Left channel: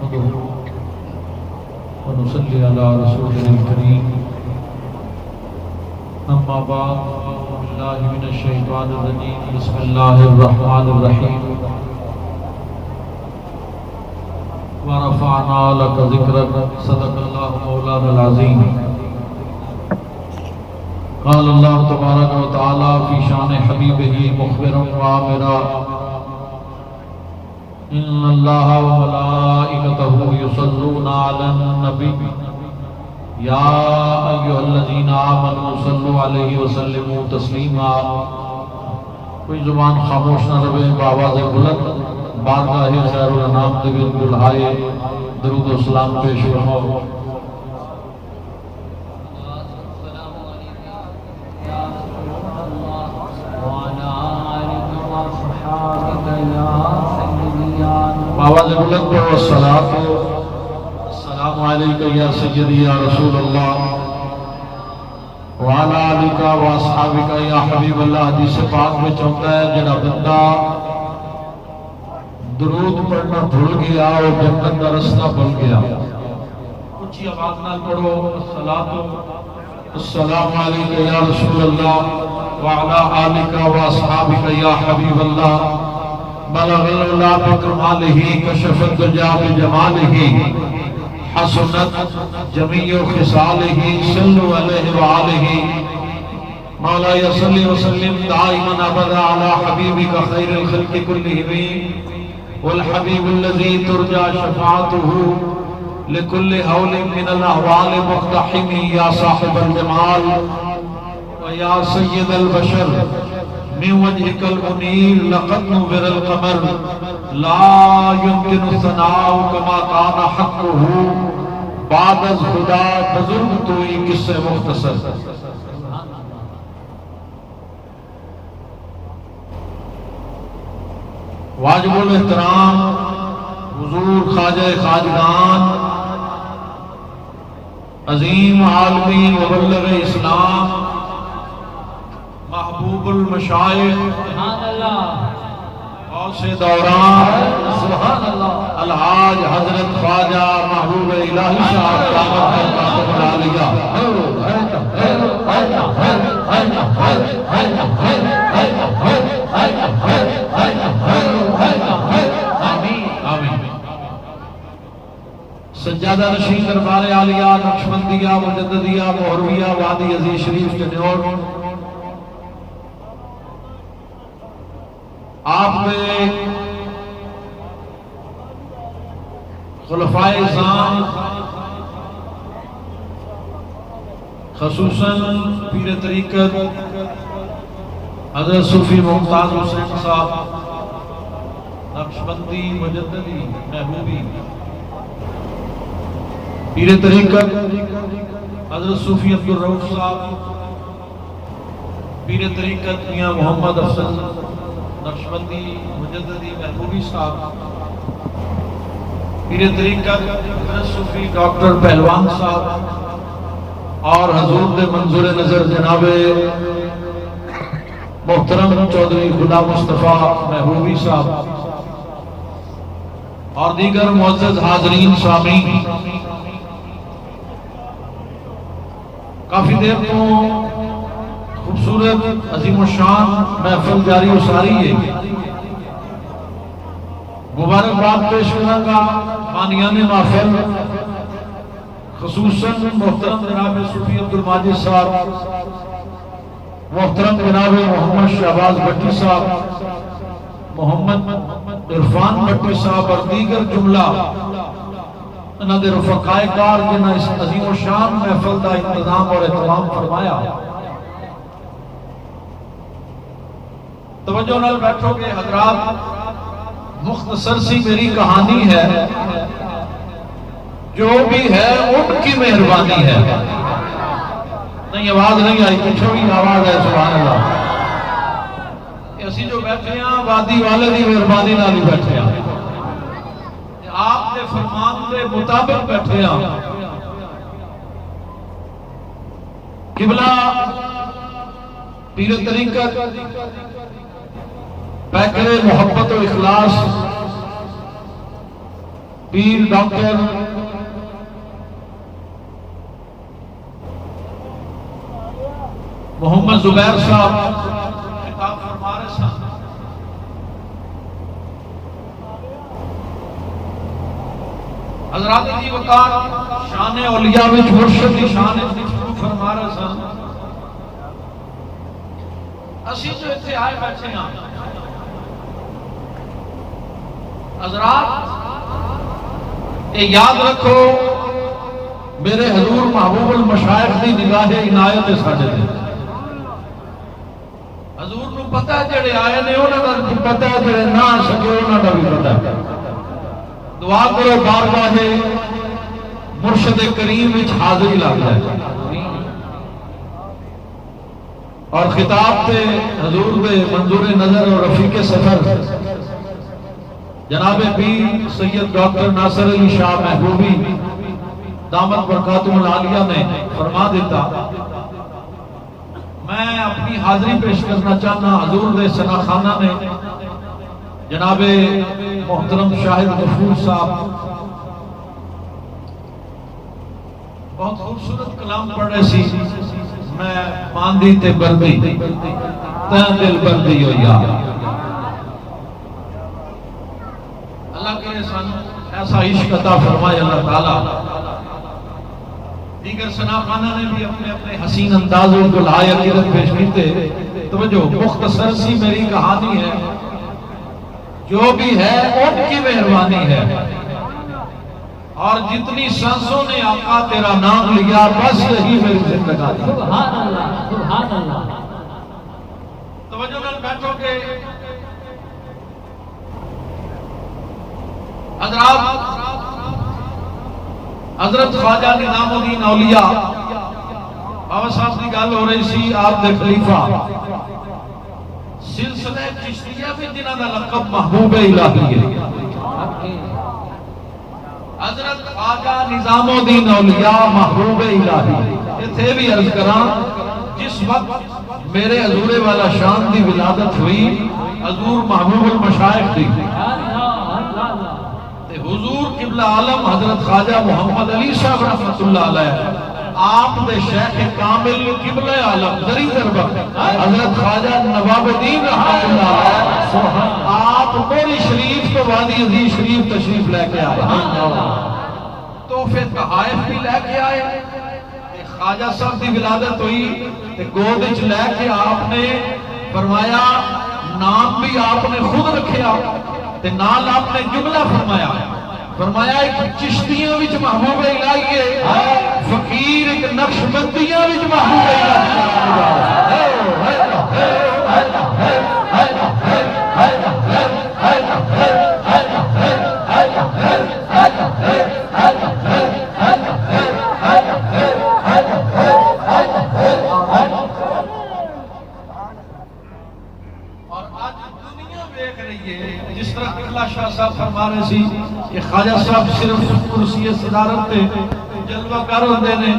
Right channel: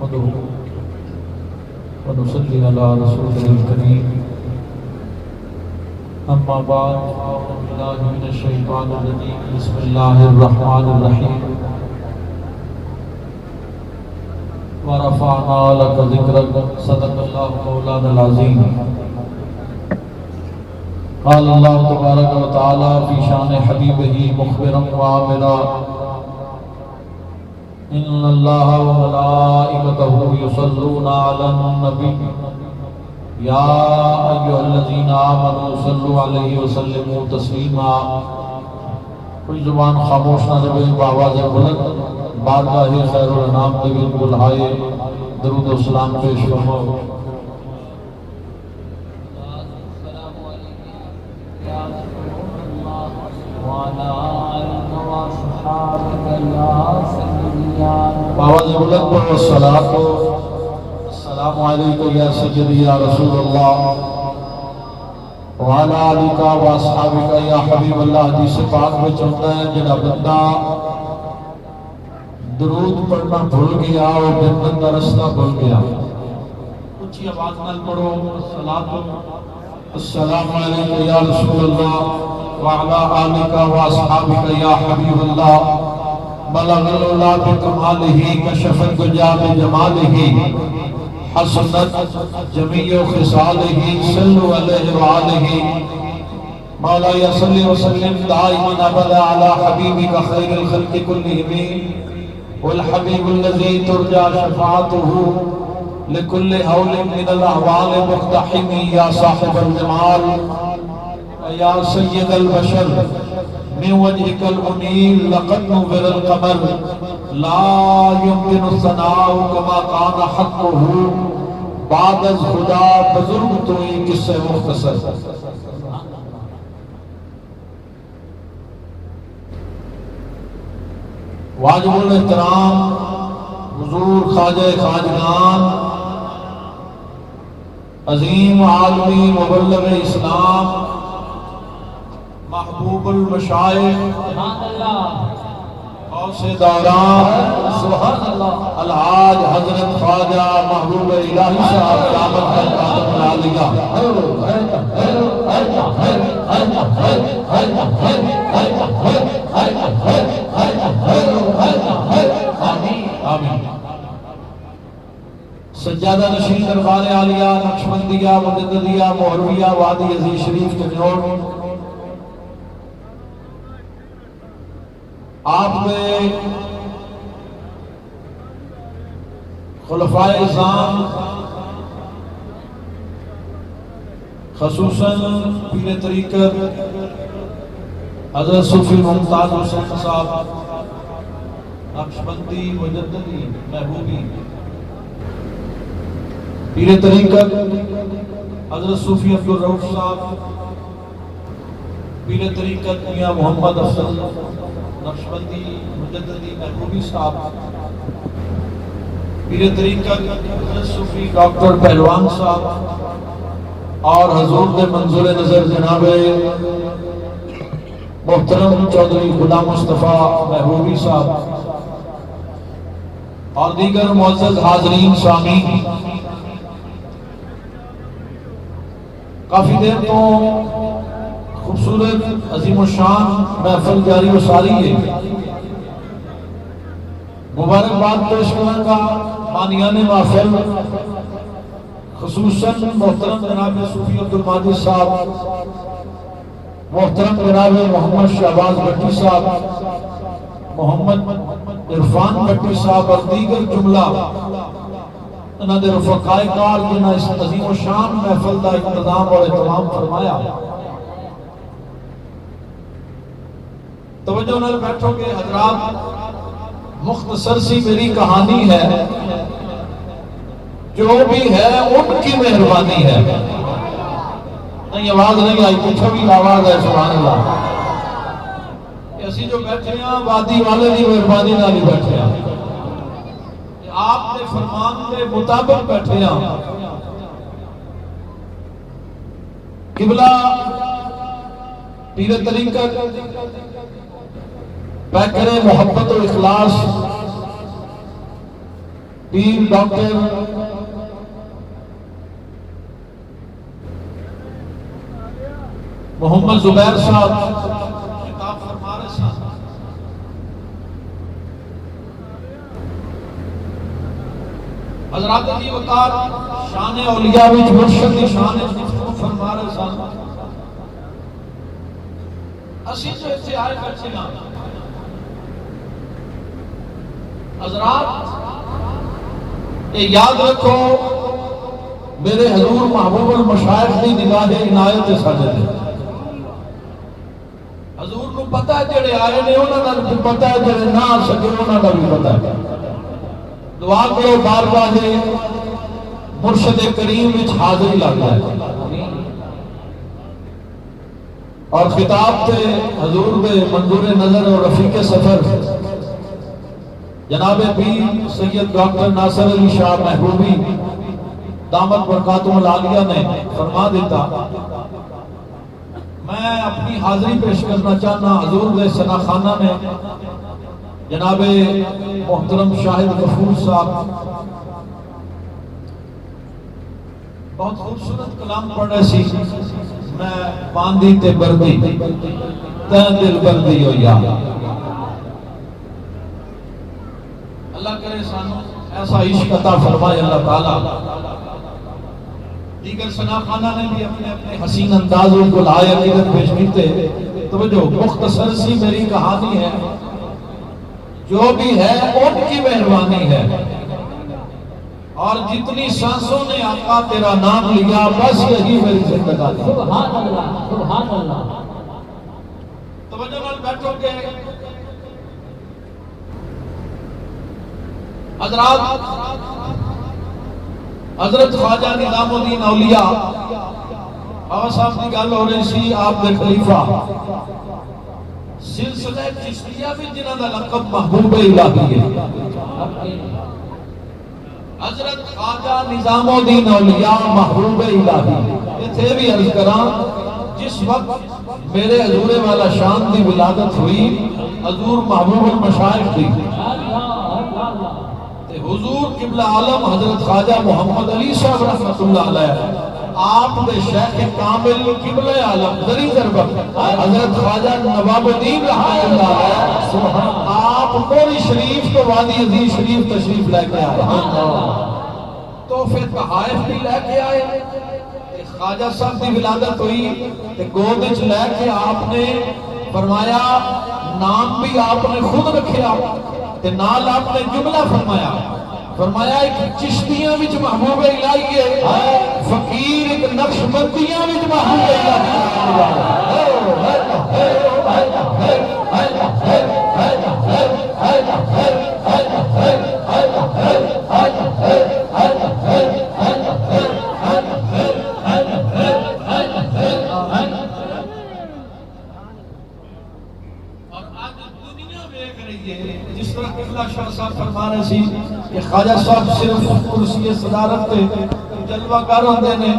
نحمده ونصلي على رسولنا الكريم أما بعد فأعوذ بالله من الشيطان الرجيم بسم الله الرحمن الرحيم ورفعنا لك ذكرك صدق الله مولانا العظيم قال الله تبارك وتعالى في شان حبيبه مخبرا وعامرا إن الله وملائكته يصلون على النبي يا أيها الذين آمنوا صلوا عليه وسلموا تسليما. کوئی زبان خاموش نہ رہے، بآواز بلند بارگاہ خیر الانام نبی بلائے درود و سلام پیش فرماؤ. آواز بلند پڑھو السلام علیکم یا سیدی یا رسول اللہ وعلا علیکہ و اصحابکہ یا حبیب اللہ. حدیث پاک میں چاہتا ہے جنہ بندہ درود پڑھنا بھول گیا اور جنت کا رستہ بھول گیا. اونچی آواز نال پڑھو السلام علیکم یا رسول اللہ وعلا علیکہ و اصحابکہ یا حبیب اللہ. بلغ العلا بکمالہ کشف الدجا بجمالہ حسنت جمیع خصالہ صلو علیہ وآلہ. مولا صلی وسلم دائما ابدا علی حبیبک خیر الخلق کلہم والحبیب الذی ترجى شفاعته لكل حول من الاحوال مقتحم یا صاحب الجمال ویا سید البشر من وجهك المنير لقد نور القمر لا يمكن الثناء كما كان حقه بعد از خدا بزرگ تو یہ قصہ مختصر. واجب الاحترام حضور خواجہ خواجگان عظیم عالمی مبلغ اسلام محبوب المشائخ غوث دوران الحاج حضرت خواجہ محبوب الہی صاحب دامت العالیہ سجادہ نشین دربار عالیہ نقشبندیہ مجددیہ مہرویہ وادی عزیز شریف کے نیور. آپ میں خلفائے اعظام خصوصاً پیر طریقت حضرت صوفی ممتاز حسین صاحب نقشبندی مجددی محبوبی، پیر طریقت حضرت صوفی عبدالرؤف صاحب، پیر طریقت میاں محمد افضل نقشبندی مجددی محبوبی صاحب، پیر طریقت حضرت صوفی ڈاکٹر پہلوان صاحب اور حضور کے منظور نظر جناب محترم چودھری غلام مصطفیٰ محبوبی صاحب اور دیگر معزز حاضرین سامعین. کافی دیر تو خوبصورت عظیم الشان محفل جاری و ساری ہے. مبارکباد پیش کروں گا بانیان محفل خصوصاً محترم جناب صوفی عبدالماجد صاحب، محترم جناب محمد شہباز بھٹی صاحب، محمد عرفان بھٹی صاحب اور دیگر جملہ انہوں نے رفقائے کار جنہاں اس عظیم الشان محفل کا انتظام اور اہتمام فرمایا. توجہ نال بیٹھو گے حضرات. مختصر سی میری کہانی ہے، جو بھی ہے ان کی مہربانی ہے. نہیں آواز نہیں آئی، پیچھے بھی آواز ہے. سبحان اللہ. اسی جو بیٹھے ہیں وادی والے دی مہربانی نال ہی بیٹھے ہیں، آپ کے فرمان کے مطابق بیٹھے ہیں. قبلہ پیر طریقت پیکر محبت و اخلاص پیر ڈاکٹر محمد زبیر صاحب خطاب فرما رہے سن۔ حضرات جی وقار شان اولیاء وچ مرشد دی شان وچ فرما رہے سن۔ اسی جو اتنے آئے بیٹھے ہیں حضرات، یہ یاد رکھو میرے حضور محبوب المشائخ دی نگاہ عنایت ساجد ہے۔ حضور نو پتہ ہے جڑے آئے نے انہاں دا بھی پتہ ہے، جڑے نہ آ سکے انہاں دا بھی پتہ ہے۔ دعا کرو بارگاہ مرشد کریم وچ حاضری لگ جائے۔ اور خطاب تے حضور دے منظور نظر اور رفیق سفر جناب پیر سید ڈاکٹر ناصر علی شاہ محبوبی دامت برکاتہ العالیہ نے فرما دیتا، میں اپنی حاضری پیش کرنا چاہنا حضور دے ثنا خانہ نے جناب محترم شاہد غفور صاحب بہت خوبصورت کلام پڑھ رہے سی، میں باندھی تے بردی تے دل بردی ہو یا اللہ کرے سانو ایسا عشق عطا فرمائے اللہ تعالیٰ۔ دیگر ثنا خانہ نے بھی اپنے اپنے حسین اندازوں کو لائق پیش کیتے۔ توجہ، مختصر سی میری کہانی ہے، جو بھی ہے ان کی مہربانی ہے، اور جتنی سانسوں نے آقا تیرا نام لیا بس یہی میری زندگانی۔ سبحان اللہ، سبحان اللہ۔ توجہ نال بیٹھو کہ حضرات، حضرت خواجہ نظام الدین اولیاء بابا صاحب کی گل ہو رہی سی، آپ دے خلیفہ سلسلہ چشتیہ بھی جنہاں دا لقب محبوب الہی ہے۔ حضرت خواجہ نظام الدین اولیاء محبوب الہی، یہ تھے بھی عرض کراں جس وقت میرے حضور والا شان دی ولادت ہوئی، حضور محبوب المشائخ دی، حضور قبلہ عالم حضرت خواجہ محمد علی صاحب رحمت اللہ علیہ، آپ دے شیخ کامل قبلہ عالم ذری ضربہ حضرت خواجہ نواب الدین رحمت اللہ علیہ، آپ موری شریف تو وادی عزیز شریف تشریف لے کے آئے، تحفے تحائف بھی لے کے آئے۔ خواجہ صاحب دی ولادت ہوئی تے گود وچ لے کے آپ نے فرمایا، نام بھی آپ نے خود رکھیا تے نال آپ نے جملہ فرمایا ایک چشتیاں وچ محبوب الہی ہے، فقیر ایک نقش بندیاں وچ محبوب الہی جس طرح اقلا شاہ صاحب فرما رہے سی کہ خواجہ صاحب صرف کرسی صدارت تے جلوہ کر ہوندے نے،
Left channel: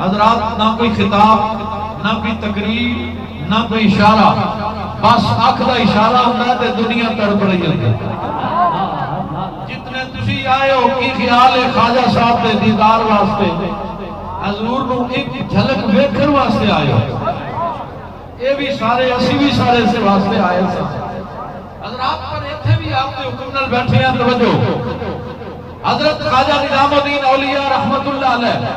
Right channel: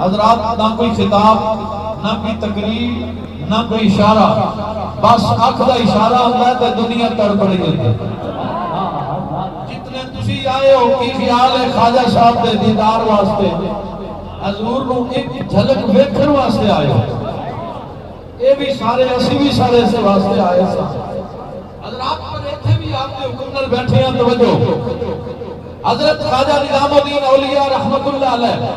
حضرات نہ کوئی خطاب نہ کوئی تقریر نہ کوئی اشارہ، بس آنکھ دا اشارہ ہوتا ہے تے دنیا تڑپ رہی ہوتی ہے۔ جتنے تسی آئے ہو کی خیال ہے خواجہ صاحب دے دیدار واسطے، حضور کو ایک جھلک ویکھن واسطے آئے ہو، یہ بھی سارے اسی بھی سارے سے واسطے آئے سے حضرات پر ایتھے بھی آپ کے حکم نال بیٹھے ہیں۔ توجہ، حضرت خواجہ نظام الدین اولیاء رحمت اللہ علیہ،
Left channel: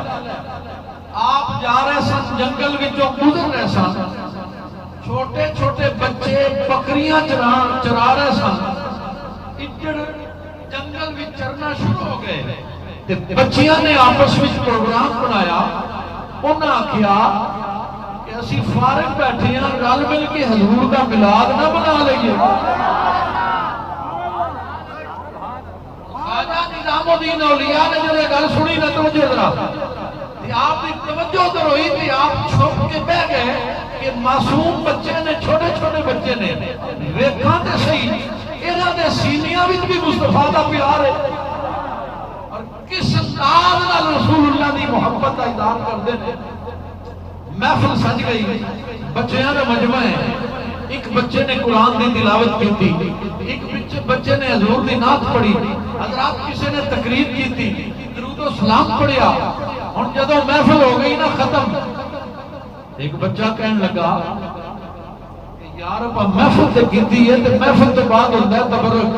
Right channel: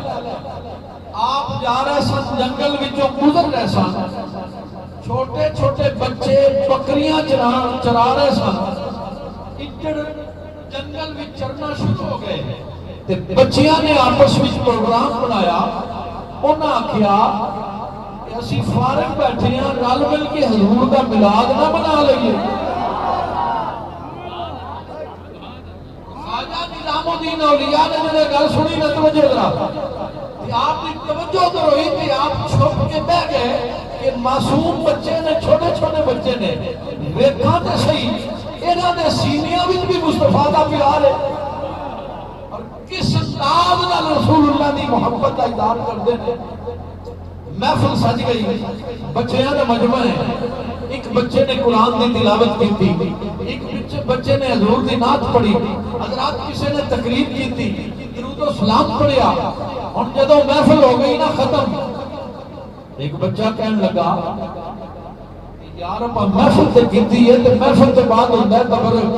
آپ جا رہے سن جنگل وچوں گزر رہے سن، چھوٹے چھوٹے بچے بکریاں چرا رہے سن، اجڑ جنگل وچ چرنا شروع ہو گئے تے بچیاں نے آپس وچ پروگرام بنایا، انہاں آکھیا کہ اسی فارغ بیٹھے ہیں، رل مل کے حضور دا میلاد نہ بنا لئیے۔ خواجہ نظام الدین اولیاء نے جنہیں گل سنی نہ توجہ ذرا، آپ کی توجہ ادھر ہوئی تھی، آپ چھپ کے بہ گئے کہ معصوم بچے نے، چھوٹے چھوٹے بچے نے، ویکھاں تے صحیح انہاں دے سینیاں وچ بھی مصطفیٰ دا پیار ہے، اور کس انداز نال رسول اللہ دی محبت دا اظہار کردے نے۔ محفل سج گئی، بچیاں دا مجمع ہے، ایک بچے نے قرآن کی تلاوت کی تھی، ایک بچے نے حضور کی نعت پڑھی، حضرات کسی نے تقریر کی تھی، درود و سلام پڑھیا. اور جدو محفل ہو گئی نا ختم، ایک بچہ کہنے لگا یار اپا محفل تے کیتی ہے تے محفل تو بعد ہوتا ہے تبرک،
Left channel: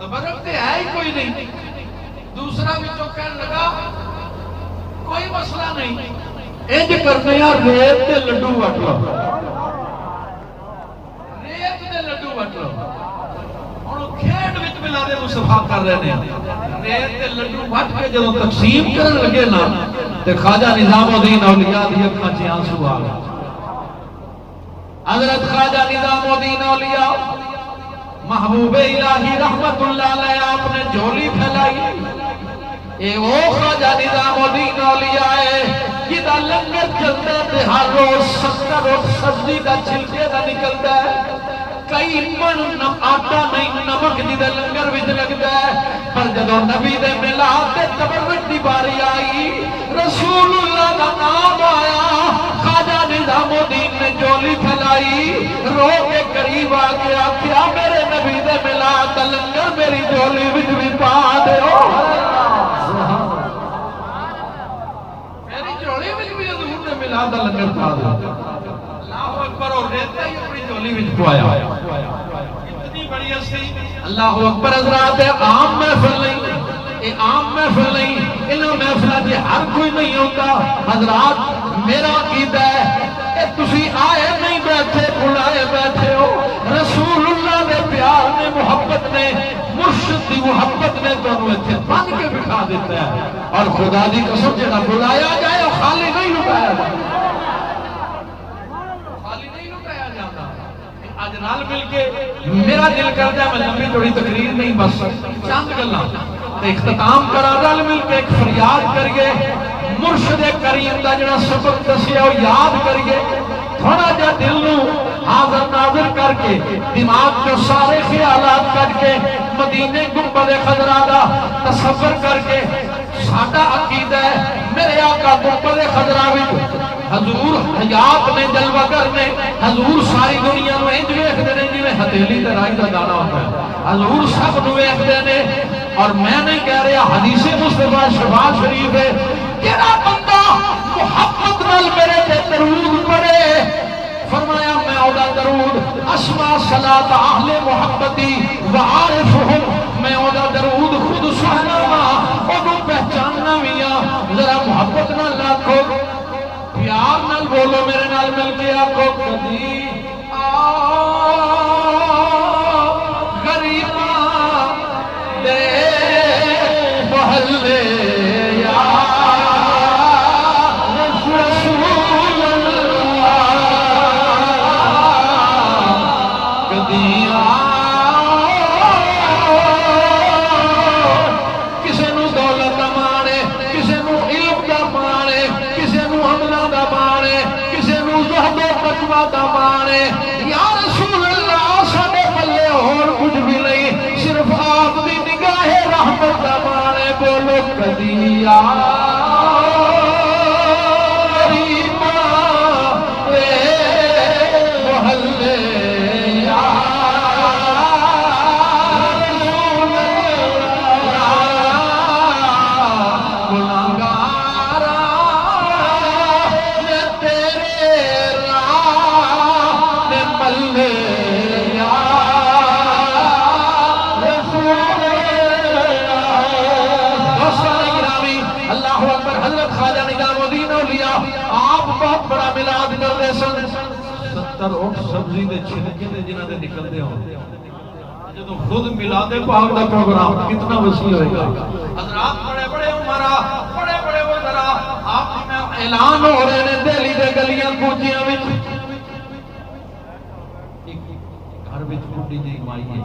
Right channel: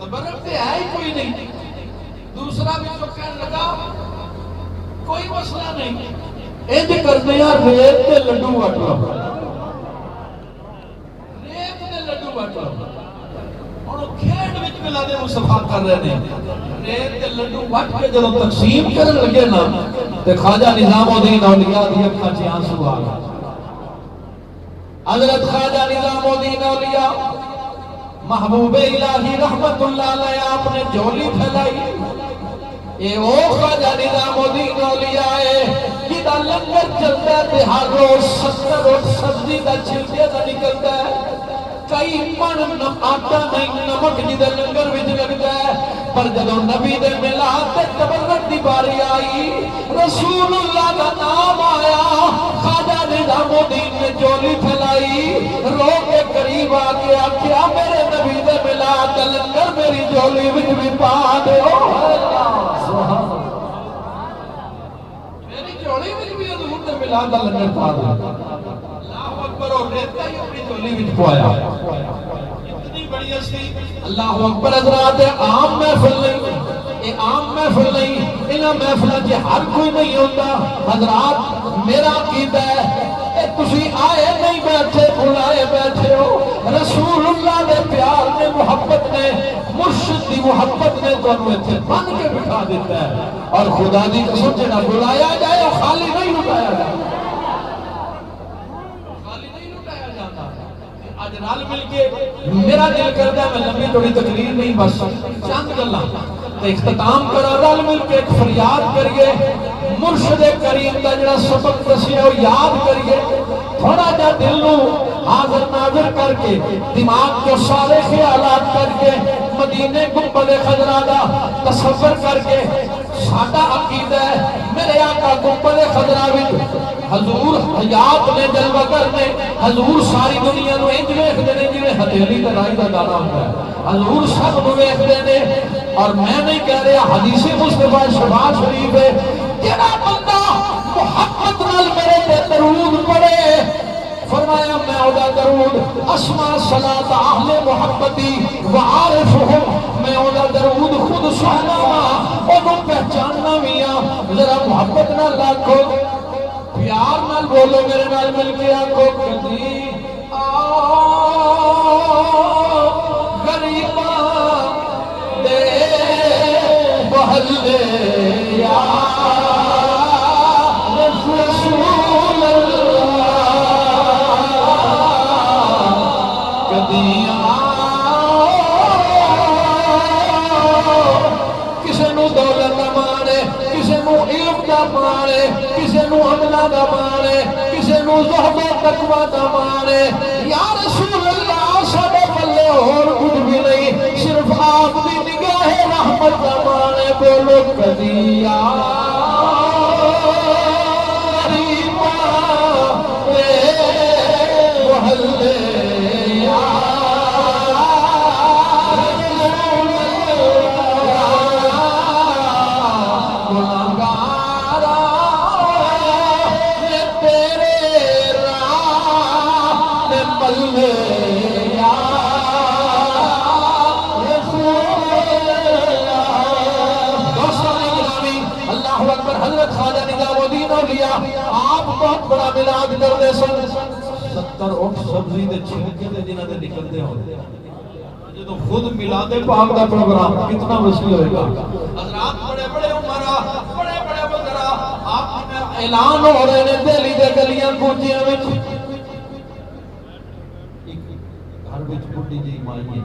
تبرک تے ہے ہی کوئی نہیں. دوسرا بھی جو کہنے لگا کوئی مسئلہ نہیں، انج کرنے یا ریت تے لڈو وٹ لو، ریت تے لڈو وٹ لو. اور وہ کھیڈ وچ ملاد مصطفیٰ کر رہے ہیں، ریت تے لڈو وٹ کے جدوں تقسیم کرن لگے نا تے خواجہ نظام الدین اولیاء دی اکھاں چ آنسو آ گئے. حضرت خواجہ نظام الدین اولیاء محبوب الہی رحمت اللہ علیہ آپ نے جھولی پھیلائی. اے او خواجہ نظام الدین اولیاء ہے جدا لنگر چلتا ہے ہر روز 70 روز سبزی دا چھلکے دا نکلتا ہے، کئی من آٹا نہیں نمک جدا لنگر وچ لگتا ہے. پر جدو نبی دے میلاد تے تبرک دی باری آئی، رسول اللہ دا نام آیا، خواجہ نظام الدین نے جھولی پھیلائی، رو کے قریب آ کے آکھیا میرے نبی دے میلاد دا لنگر میری جھولی وچ بھی پا دیو. میری جھولی وچ بھی حضور نے میلاد دا لنگر پا دیو. اللہ اکبر. اور ریتا ہی اپنی جھولی وچ پوایا. اتنی بڑی ہستی. اللہ اکبر. حضرات عام محفل نہیں، اے عام محفل نہیں، انہاں محفلاں وچ ہر کوئی نہیں ہوتا. حضرات میرا عقیدہ ہے اے تسی آئے نہیں بیٹھے بلائے بیٹھے ہو. رسول اللہ دے پیار نے محبت نے مرشد دی محبت نے تانوں ایتھے بن کے بٹھا دیتا ہے. اور خدا دی قسم جڑا بلایا جائے وہ خالی نہیں لٹایا جاتا، خالی نہیں لٹایا جاتا. آج نال مل کے میرا دل کرتا ہے میں لمبی تھوڑی تقریر نہیں بس چند گلاں اختتام کرا، رل مل کے ایک فریاد کریے، مرشد کریم دا جڑا سبق دسیا وہ یاد کریے، تھوڑا جا دل نو حاضر ناظر کر کے دماغ جو سارے خیالات کر کے مدینے گنبد خضرا دا تصور کر کے ساڈا عقیدہ ہے میرے آقا گنبد خضرا وچ حضور حیات نے جلوگر نے حضور ساری دنیا نو انج ویکھدے نے جویں ہتھیلی تے رائی دا دانا ہوندا ہے. حضور سب نو ویکھدے نے. اور میں نہیں کہہ رہا، حدیث مصطفیٰ شفاعت شریف ہے، جڑا بندہ محبت نال میرے تے درود پڑھے، فرمایا میں اودا درود اسمع صلاۃ اہل محبتی وعارفہم، میں اودا درود خود سننا وا اونوں پہچاننا وی آ. ذرا محبت نال آکھو، پیار نال بولو، میرے نال مل کے آکھو کدی غریباں دے محلے یا رسول اللہ، کدی کسے نو دولت دا مانے، کسے نو علم دا مانے، کسے نو عملہ دا مانے، کسے نو زہد و تقوی دا مانے. یا رسول اللہ ساڈے پلے اور کچھ بھی نہیں، صرف آپ دی نگاہ رحمت دا مانے. بولو کدی محلے بڑا ملاد کرتے سن. 70 اٹھ سبزی دے چھلکے دے جنہاں دے نکلتے ہوں جدو خود ملاد پاک دا پروگرام کتنا وسیع ہوئے گا. حضرات بڑے بڑے عمرہ، بڑے بڑے وزراء آپ میں اعلان ہو رہے ہیں دہلی دے گلیاں کوچیاں وچ. گھر وچ بڈھی جی مائی ہے،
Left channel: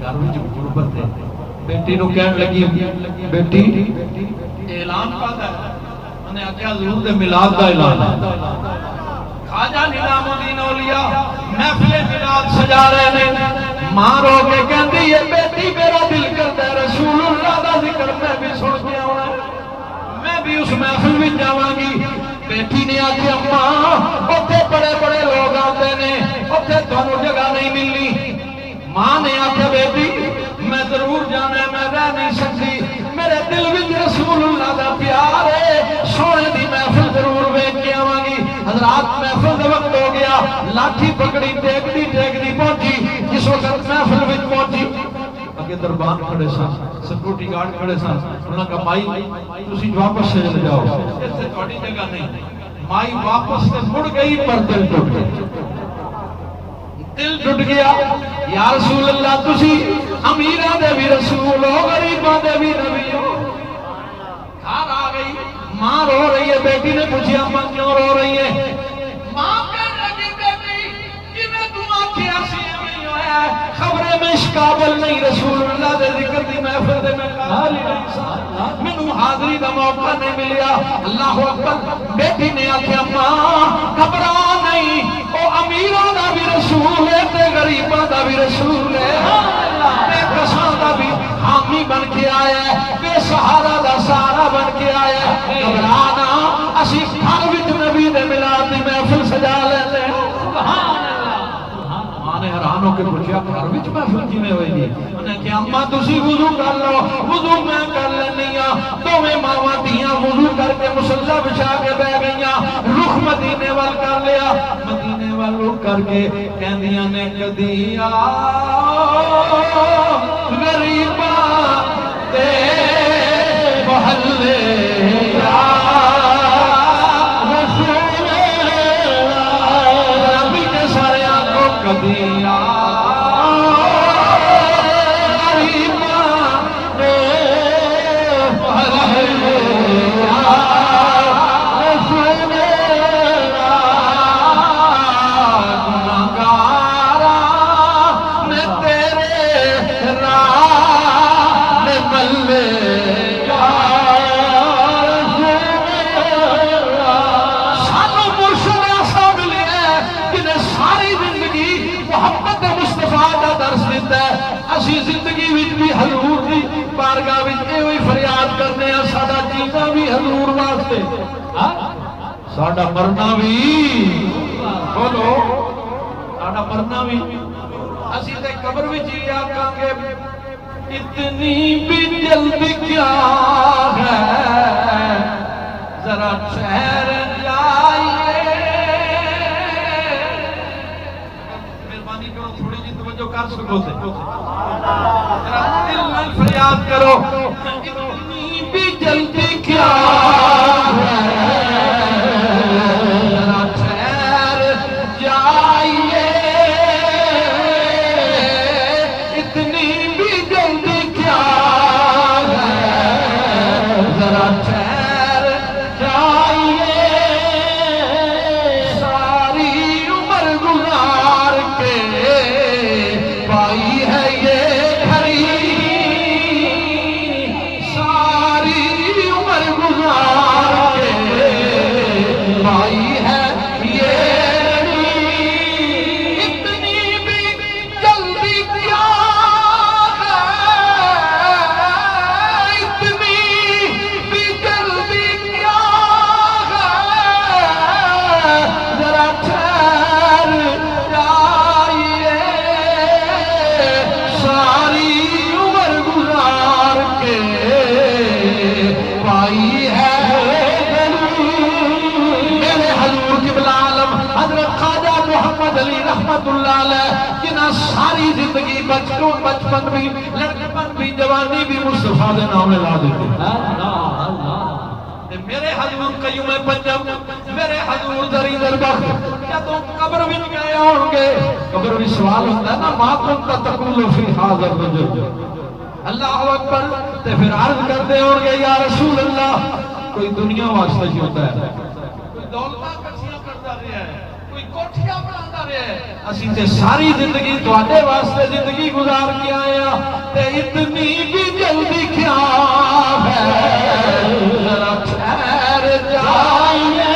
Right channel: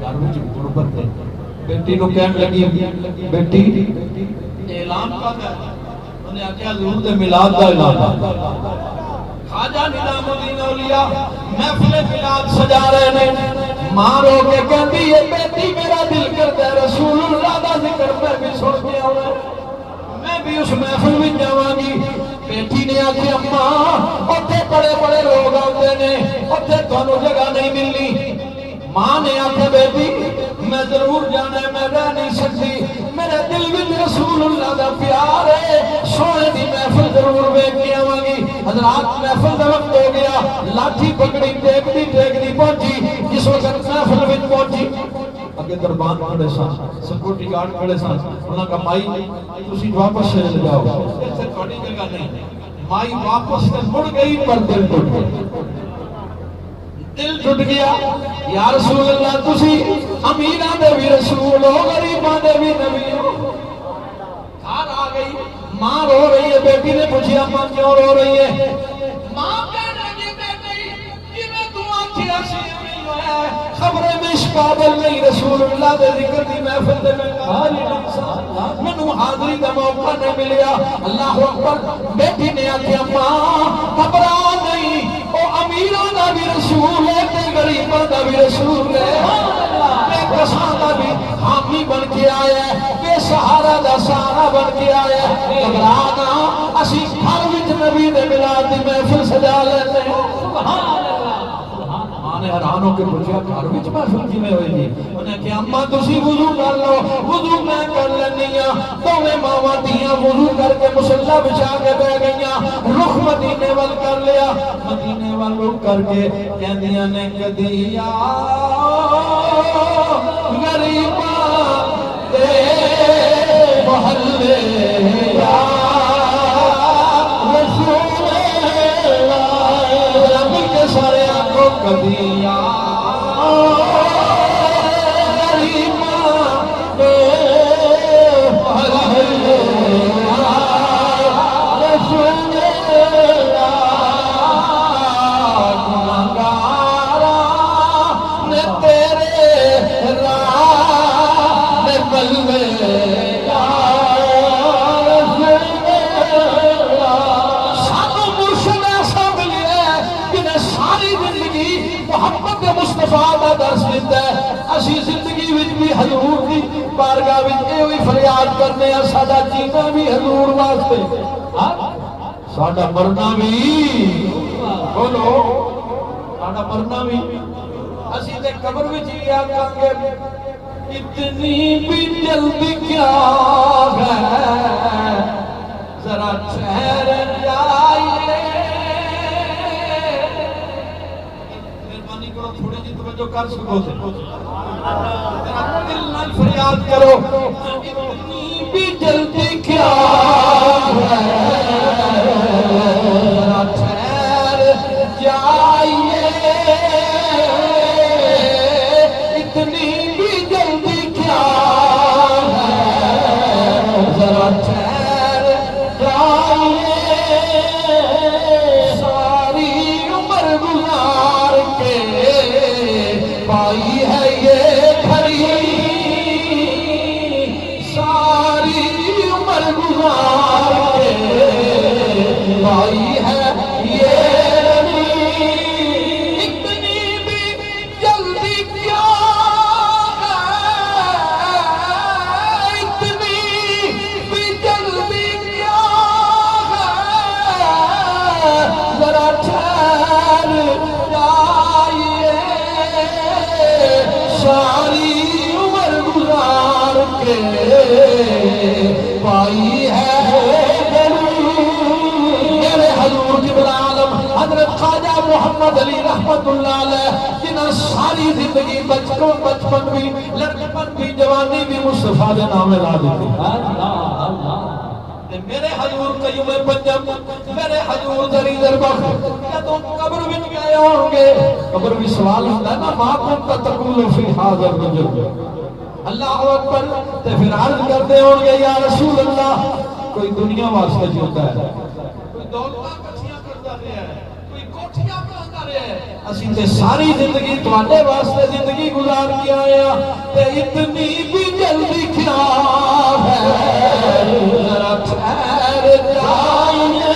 گھر وچ غربت ہے، بیٹی نو کہن لگی بیٹی اعلان کردا ہے، انہیں آخیا حضور دے میلاد دا اعلان ہے. خواجہ نظام الدین اولیاء محفل میلاد سجا رہے ہیں. ماں رو کے کہندی ہے بیٹی میرا دل کرتا ہے رسول اللہ دا ذکر میں بھی سن کے آنا، میں بھی اس محفل میں جاواں گی. بیٹی نے آکھے اما اوتھے بڑے بڑے لوگ آتے نے اوتھے تانوں جگہ نہیں ملنی ماں نے آکھے بیٹی میں ضرور جانا ہے میں رہ نہیں سکتی میرے دل وچ رسول اللہ دا پیار ہے سونے دی محفل ضرور ویکھ کے آواں گی حضرات محفل دا وقت ہو گیا لاٹھی پکڑی ٹیکدی پہنچی جس وقت محفل وچ پہنچی اگے دربان کھڑے سن سیکورٹی گارڈ کھڑے سن انہاں کا مائی تسی واپس چلے جاؤ ایتھے تہاڈی جگہ نہیں مائی واپس تے مڑ گئی پر دل ٹوٹ گیا دل ٹوٹ گیا یا رسول اللہ تسی امیراں دے بھی رسول ہو غریباں دے بھی نبی ہو گھر آ گئی ماں رو رہی ہے بیٹی نے پوچھا ماں کیوں رو رہی ہے ماں کہنے لگی بیٹی جی میں تو آنکھیں سی نہیں ہویا خبریں میں اس قابل نہیں رسول اللہ دے ذکر دی محفل دے میں قابل نہیں سا مینوں حاضری دا موقع نہیں ملیا اللہ اکبر بیٹی نے آکھیا ماں گھبرا نہیں او امیراں دا بھی رسول ہے تے غریباں دا بھی رسول ہے بے کساں دا بھی حامی بن کے آیا ہے بے سہارا دا سہارا بن کے آیا ہے گھبرانا اسی گھر وچ نبی دے میلاد دی محفل سجا لیندے سبحان اللہ ماں نے حیران ہو کے پوچھا گھر وچ محفل کیویں ہوئی جی انہاں کہ اماں تسی وضو کر لو وضو میں کر لینی ہاں دوویں ماواں دھیاں وضو کر کے مصلی بچھا کے بیٹھ گئیاں رخ مدینے ول کر لیا مدینے ول رخ کر کے کہندیاں نے کدی غریباں دے محلے یا رسول اللہ مل کے سارے آنکھوں کدی غریباں دے محلے یا رسول زندگی بھی حضور کی بارگاہ میں فریاد کرنے ہیں ساڈا جینا بھی حضور واسطے ساڈا مرنا بھی بولو ساڈا مرنا بھی اسی تے قبر وچ ہی آکھاں گے اتنی بھی جلدی کیا ہے ذرا ٹھہر جائیے مہربانی کرو تھوڑی جی توجہ کر سکو تے دل میں فریاد کرو اتنی بھی جلدی کیا ہے ذرا ٹھہر جائیے اتنی بھی جلدی کیا ہے ذرا ٹھہر جائیے ساری عمر گزار کے پائی ہے یہ گھڑی ساری عمر گزار کے پائی ہے علی رحمت اللہ علیہ جنہاں ساری زندگی بچپن بھی لڑکپن بھی جوانی بھی مصطفیٰ دے نام لا دیتے میرے حضور قیوم پنجم میرے حضور دری دربخ جدوں قبر بھی گئے ہوں گے قبر بھی سوال ہوتا ہے نا ما کنت تقول فی حاضر رجل اللہ اکبر تے پھر عرض کرتے ہوں گے یا رسول اللہ کوئی دنیا واسطے ہی ہوتا ہے کوئی دولتاں کچھیاں کرتا رہا ہے کوئی کوٹھیاں بنا رہا ہے اسی تے ساری زندگی تواڈے واسطے زندگی گزار کے آئے ہیں تے اتنی بھی جلدی کیا ہے ذرا ٹھہر جائیے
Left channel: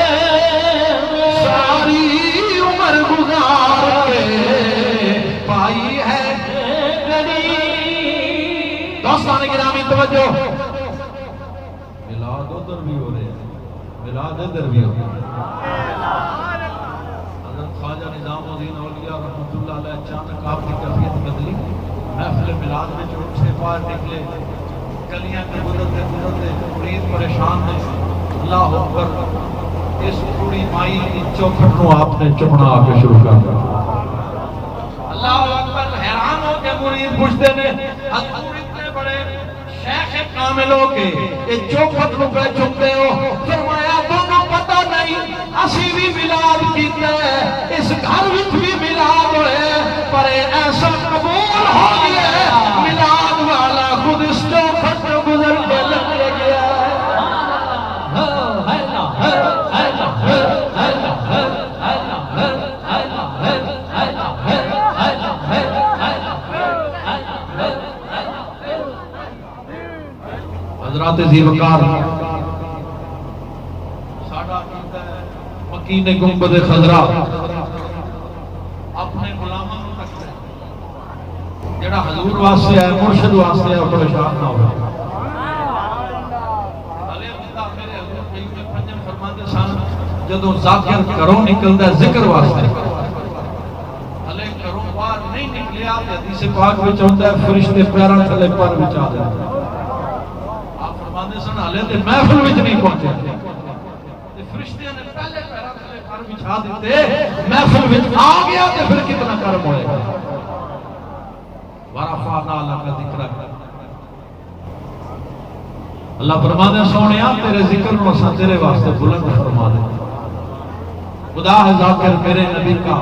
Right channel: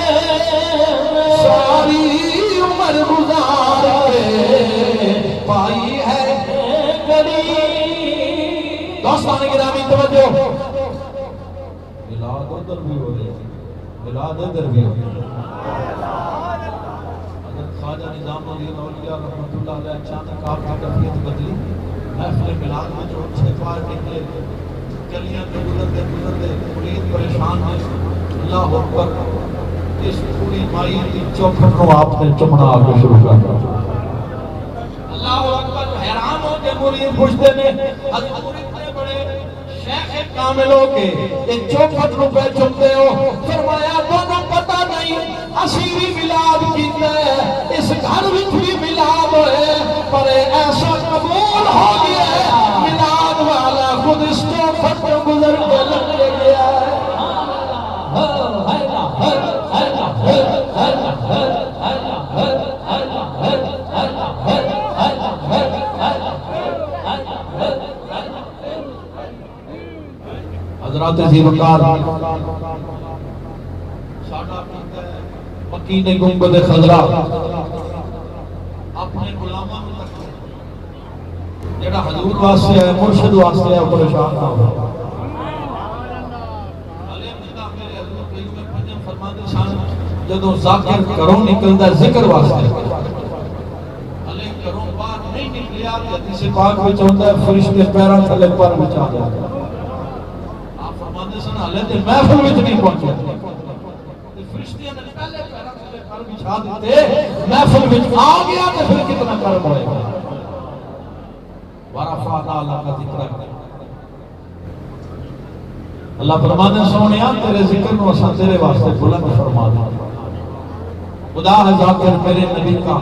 ساری عمر گزار کے پائی ہے گھڑی دوستان گرامی توجہ ملاد ادھر بھی ہو رہے میلاد ادھر بھی ہوگی. حضرت خواجہ نظام الدین اولیاء رحمۃ اللہ علیہ اچانک آپ کی کیفیت بدلی. محفل میلاد میں جو اٹھے باہر نکلے, گلیاں کے گزرتے گزرتے مرید پریشان ہیں. اللہ اکبر, اس پوری مائی کی چوکھٹ کو آپ نے چمڑا آ کے شروع کر دیا. اللہ اکبر, حیران ہو کے مرید پوچھتے نے حضور اتنے بڑے شیخ کامل ہو کے یہ چوکھٹ نو پہ چمتے ہو. فرمایا تمہیں پتہ نہیں اسی بھی میلاد کیتا ہے, اس گھر وچ بھی میلاد ہوئے, پر ایسا قبول ہو گیا ہے میلاد والا خود اس چوکھٹ پہ گزر کے لگ گیا ہے. حضرات زیوکار ساڈا کیتا ہے مکین گنبد خضرا اپنے غلاماں نوں تکتا ہے. جڑا حضور واسطے ہے, مرشد واسطے ہے, پریشان نہ ہو. علی اللہ میرے حضور قیوم پنجم فرماتے سن جدوں ذاکر گھروں نکلدا ہے ذکر واسطے, علی گھروں باہر نہیں نکلیا تے حدیث پاک وچ ہوندا ہے فرشتے پیراں تھلے پر وچ آ جاندے. سن حالے تے محفل وچ نہیں پہنچے, فرشتے نے پہلے پیراں تھلے پر بچھا دیتے, محفل وچ آ گیا تے پھر کتنا کرم ہوئے. ورفعنا لک ذکرک, اللہ فرماتے سونیا تیرے ذکر نو اساں تیرے واسطے بلند فرما دے. خدا ہے ذاکر میرے نبی کا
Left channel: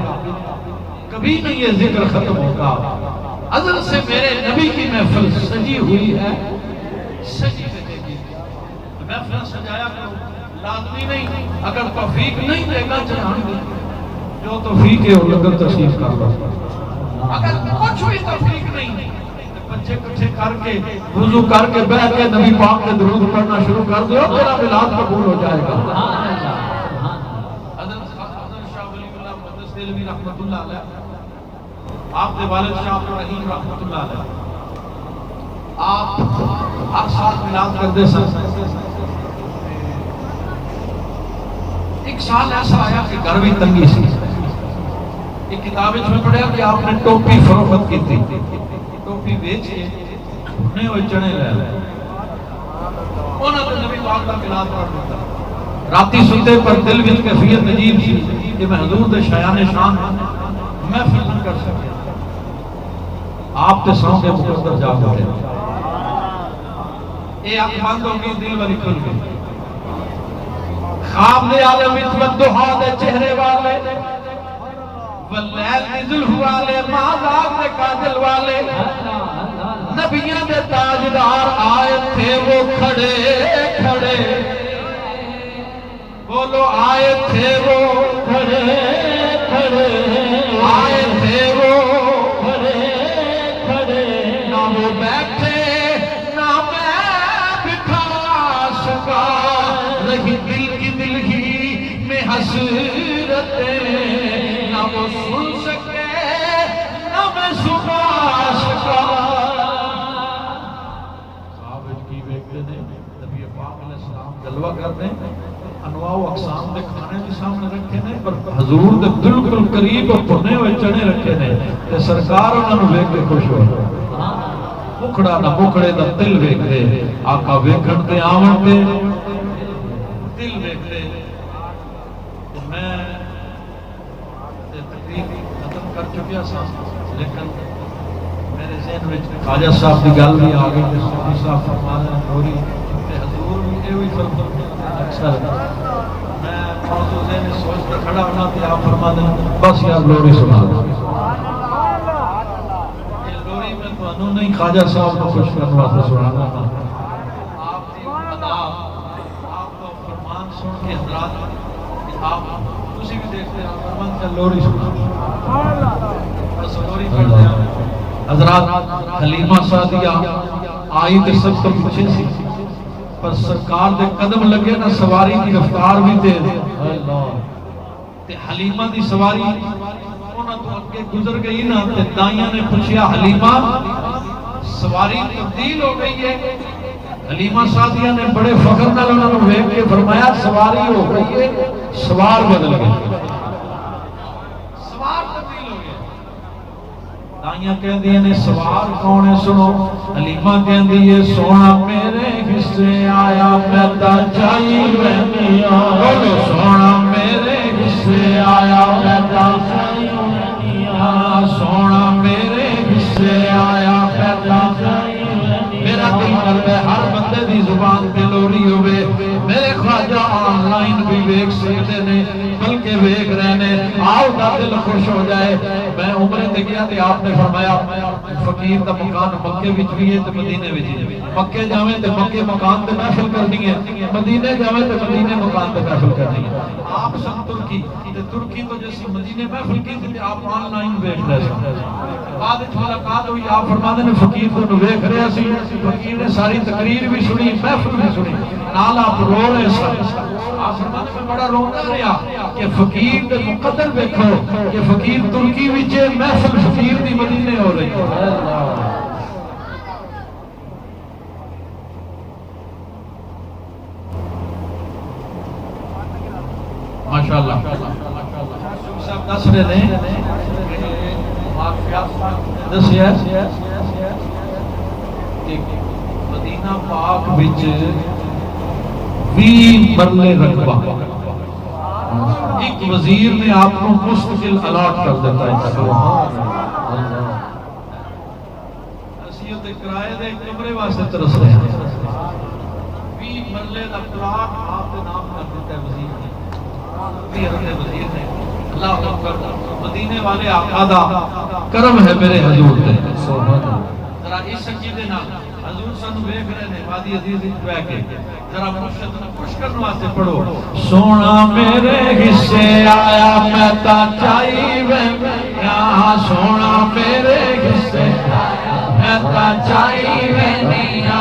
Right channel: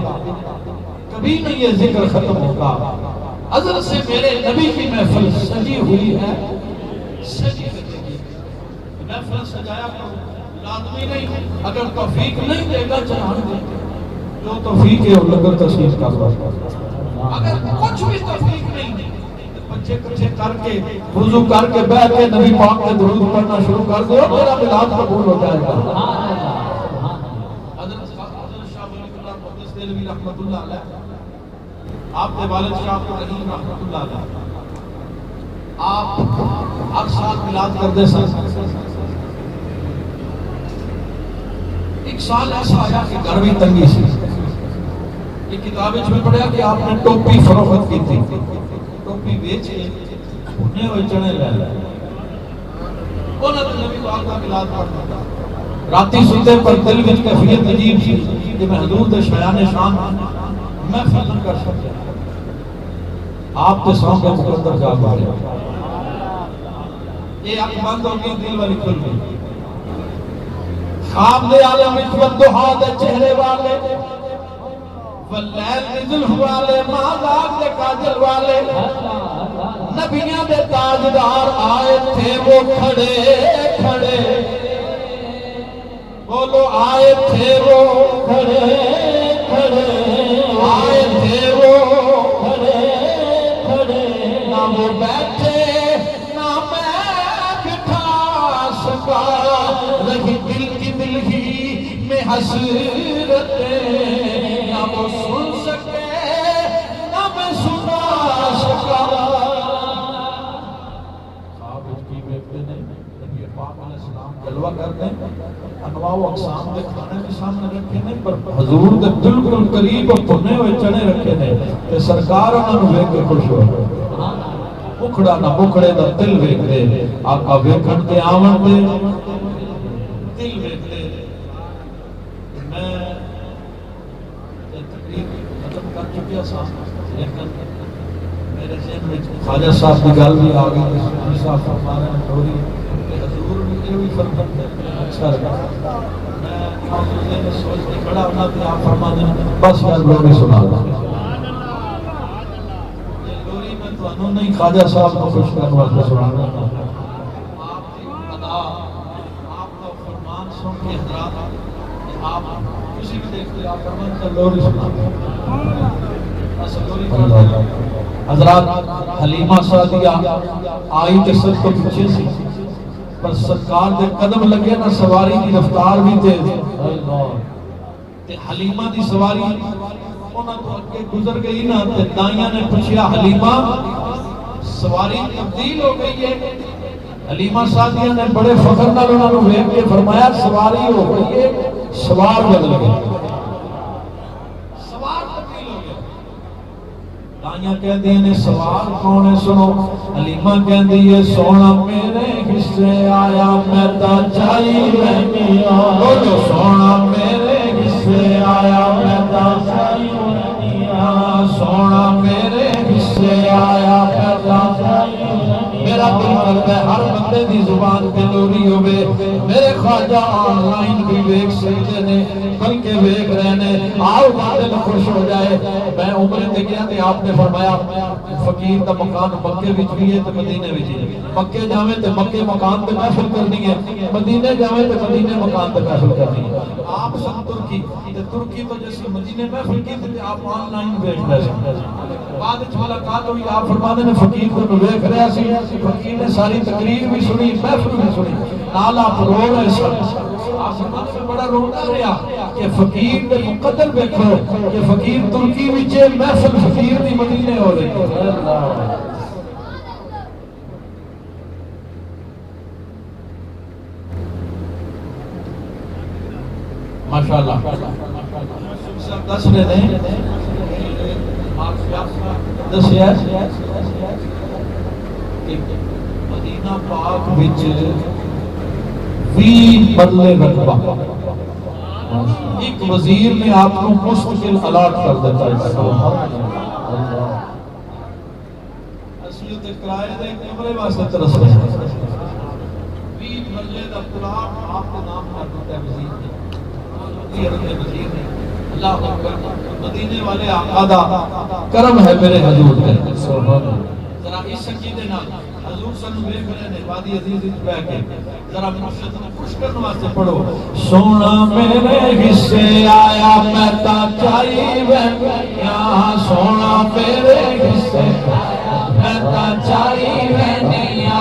کبھی نہیں یہ ذکر ختم ہوگا. ازل سے میرے نبی کی محفل سجی ہوئی ہے, سجی محفل سجایا کرو, لازمی نہیں. اگر توفیق نہیں دے گا چاہاں جو توفیق ہے وہ لگر تشریف کر دو. اگر کچھ بھی توفیق نہیں بچے کچھے کر کے وضو کر کے بیٹھ کے نبی پاک کے درود پڑھنا شروع کر دو, تیرا میلاد قبول ہو جائے گا. حضرت شاہ ولی اللہ محدث دہلوی رحمۃ اللہ علیہ, آپ کے والد شاہ عبد الرحیم رحمۃ اللہ علیہ, آپ ہر سال میلاد کرتے سن. ایک سال ایسا آیا کہ گھر بھی تنگی سی. ایک کتاب میں پڑھا کہ آپ نے ٹوپی فروخت کی تھی, ٹوپی بیچ کے بھنے ہوئے چنے لے لے. انہوں نے نبی پاک کا میلاد پڑھ دیتا. راتی سوتے پر دل وچ کیفیت عجیب سی کہ میں حضور دے شایان شان محفل نہیں کر سکتے. آپ تے سو کے مقدر جا گئے, یہ آنکھ بند ہو گئی, دل والی کھل گئی. خواب دے عالم اتمت دہا دے چہرے والے, واللیل نزل والے, مہداب دے قادل والے, نبیوں دے تاجدار آئے تھے وہ کھڑے کھڑے. بولو آئے تھے وہ کھڑے کھڑے, آئے تھے وہ کھڑے کھڑے. نہ وہ بیٹھے نہ میں بٹھا سکا, رہی دل کی دل ہی میں حسرتیں. نہ وہ سن سکے نہ میں سنا سکا. خواب کی بیٹھتے نے نبی پاک علیہ السلام جلوہ کرتے ہیں, انواع و اقسام کے کھانے بھی سامنے رکھے نے, پر حضور دے بالکل قریب بھنے ہوئے چنے رکھے نے. تے سرکار انہاں نوں ویکھ کے خوش ہو گئے. مکھڑا نہ مکھڑے دا دل ویکھ دے, آقا ویکھن تے آون تے دل ویکھ دے. میں تقریب ختم کر چکیا سا, لیکن میرے ذہن میں خواجہ صاحب کی گل بھی آ گئی. صوفی صاحب فرماتے ہیں تھوڑی حضور بھی ہوئی فرمان اچھا لگا. میں موضوع ذہن میں سوچ کے کھڑا ہونا تھا, آپ فرما دینا بس یار لوری سنا دو. یہ لوری میں تو انہوں نہیں خواجہ صاحب کو خوش کرنے واسطے سنانا تھا. آپ کی ادا, آپ کا فرمان سن کے حضرات آپ کسی بھی دیکھتے آپ فرمان کا لوری سنا دو. بس لوری پڑھ دیں. حضرات حلیمہ سعدیہ آئی تو سب تو پیچھے سی, پر سرکار دے قدم لگے نا, سواری دی رفتار بھی تیز. تے حلیمہ دی سواری انہاں تو اگے گزر گئی نا, تے دائیاں نے پوچھیا حلیمہ سواری تبدیل ہو گئی ہے, حلیمہ سعدیہ نے بڑے فخر نال انہوں نے ویکھ کے فرمایا سواری ہو گئی ہے، سوار بدل گئے، سوار تبدیل ہو گیا۔ دائیاں کہہ دیئے نے سوار کون ہے سنو، حلیمہ کہہ دیئے سونا میرے حصے آیا میں تا چائی میں میاں، بولو سونا میرے حصے آیا میں تا چائی میں میاں، سونا میرے حصے آیا میں تا چائی میں میاں۔ میرا دل کرتا ہے ہر بندے دی زبان پہ لوری ہوئے، میرے خواجہ آن لائن بھی ویک سکتے نے بلکہ ویک رہنے، آؤ دا دل خوش ہو جائے۔ میں عمرے تے گیا تے آپ نے فرمایا فقیر دا مکان مکے وچ بھی ہے تے مدینے وچ ہے، مکے جاویں تے مکے مکان تے محفل کرنی ہے، مدینے جاویں تے مدینے مکان تے محفل کرنی ہے۔ آپ سن ترکی تے ترکی تو جیسی مدینے محفل کی تھی آپ آن لائن ویک رہے سکتے ہیں۔ بعد اچھ ملاقات ہوئی، آپ فرماتے ہیں فقیر کو ویک رہے سی، فقیر نے ساری تقریر بھی سنی محفل بھی سنی، نال آپ رو رہے سن۔ آپ فرماتے ہیں بڑا رونا رہا کہ فقیر نے مقدر دیکھو کہ فقیر ترکی وچے محفل فقیر دی مدینے ہو رہی ہے۔ ماشاءاللہ صاحب دس رہے ہیں دسیا کہ مدینہ پاک وچ 20 مرلے رقبہ ایک وزیر نے آپ کو مستقل الاٹ کر دیتا ہے۔ اسیت کرائے دے کمرے واسطے ترس رہے ہیں، 20 مرلے دا پلاٹ آپ کے نام کر دیتا ہے وزیر نے، وزیر نے۔ اللہ اکبر، مدینے والے آقا دا کرم ہے میرے حضور نے۔ ذرا اس عقیدے نال حضور سن ویکھ رہے نے وادی عزیز وچ بیٹھ کے ذرا مرشد نو خوش کرنے واسطے پڑھو، سونا میرے حصے آیا میں تا چائی وینیا، سونا میرے حصے آیا میں تا چائی وینیا،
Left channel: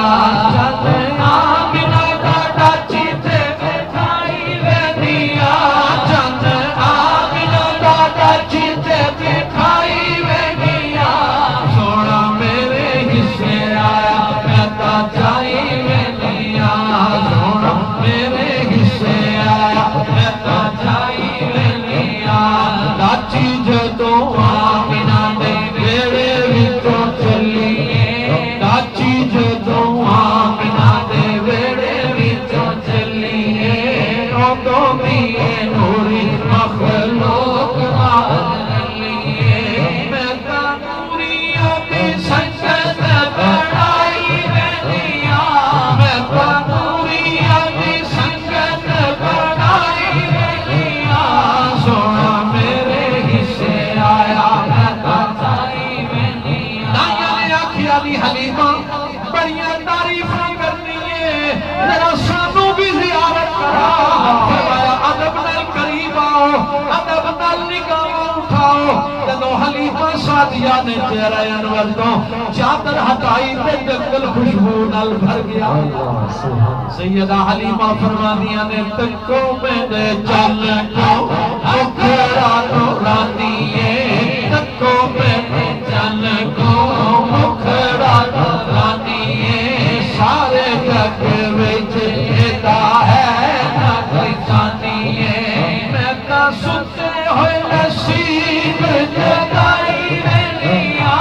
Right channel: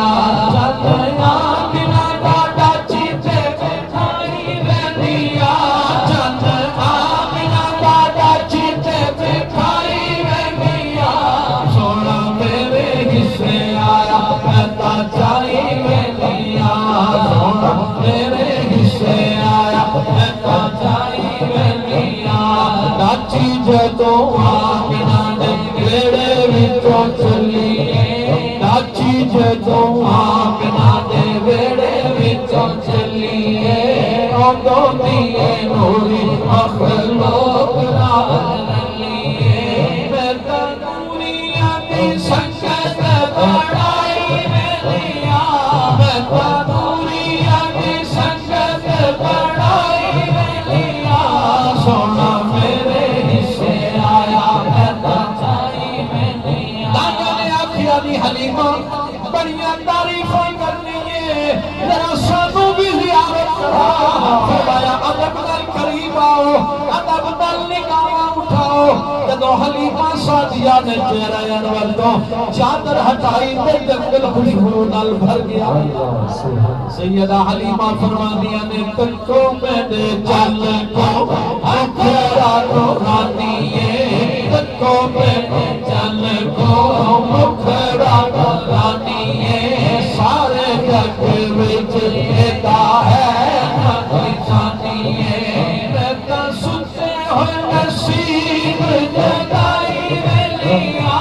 حلیمہ سعدیہ نے چہرہ انور تو چادر ہٹائی تے جنگل خوشبو نال بھر گیا۔ سیدہ حلیمہ فرمانیاں نے تکو میں دے چل کو مکھرا تو رانیے، تکو میں دے چل کو مکھرا تو رانیے، سارے جگ وچ ایدا ہے نہ کوئی ثانیے، میں تا ستے ہوئے نصیب جگائی ویلیا،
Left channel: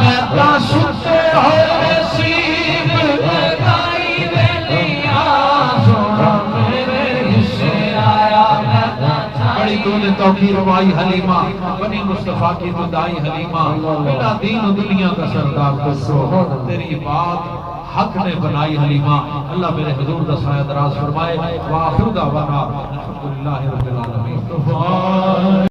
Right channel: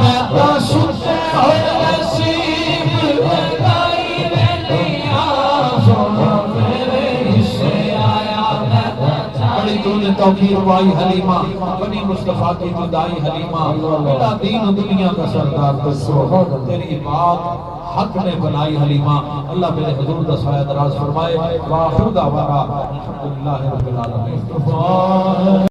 میں تا ستے ہوئے نصیب جگائی ویلیا، سونا میرے حصے آیا میں تا چاہی۔ بڑی تو نے توقیر وائی حلیمہ، بنی مصطفیٰ کی دعائی حلیمہ، بلا دین و دنیا کا سردار تو تیری بات حق نے بنائی حلیمہ۔ اللہ میرے حضور دا سایہ دراز فرمائے، وآخر دعوانا الحمدللہ رب العالمین۔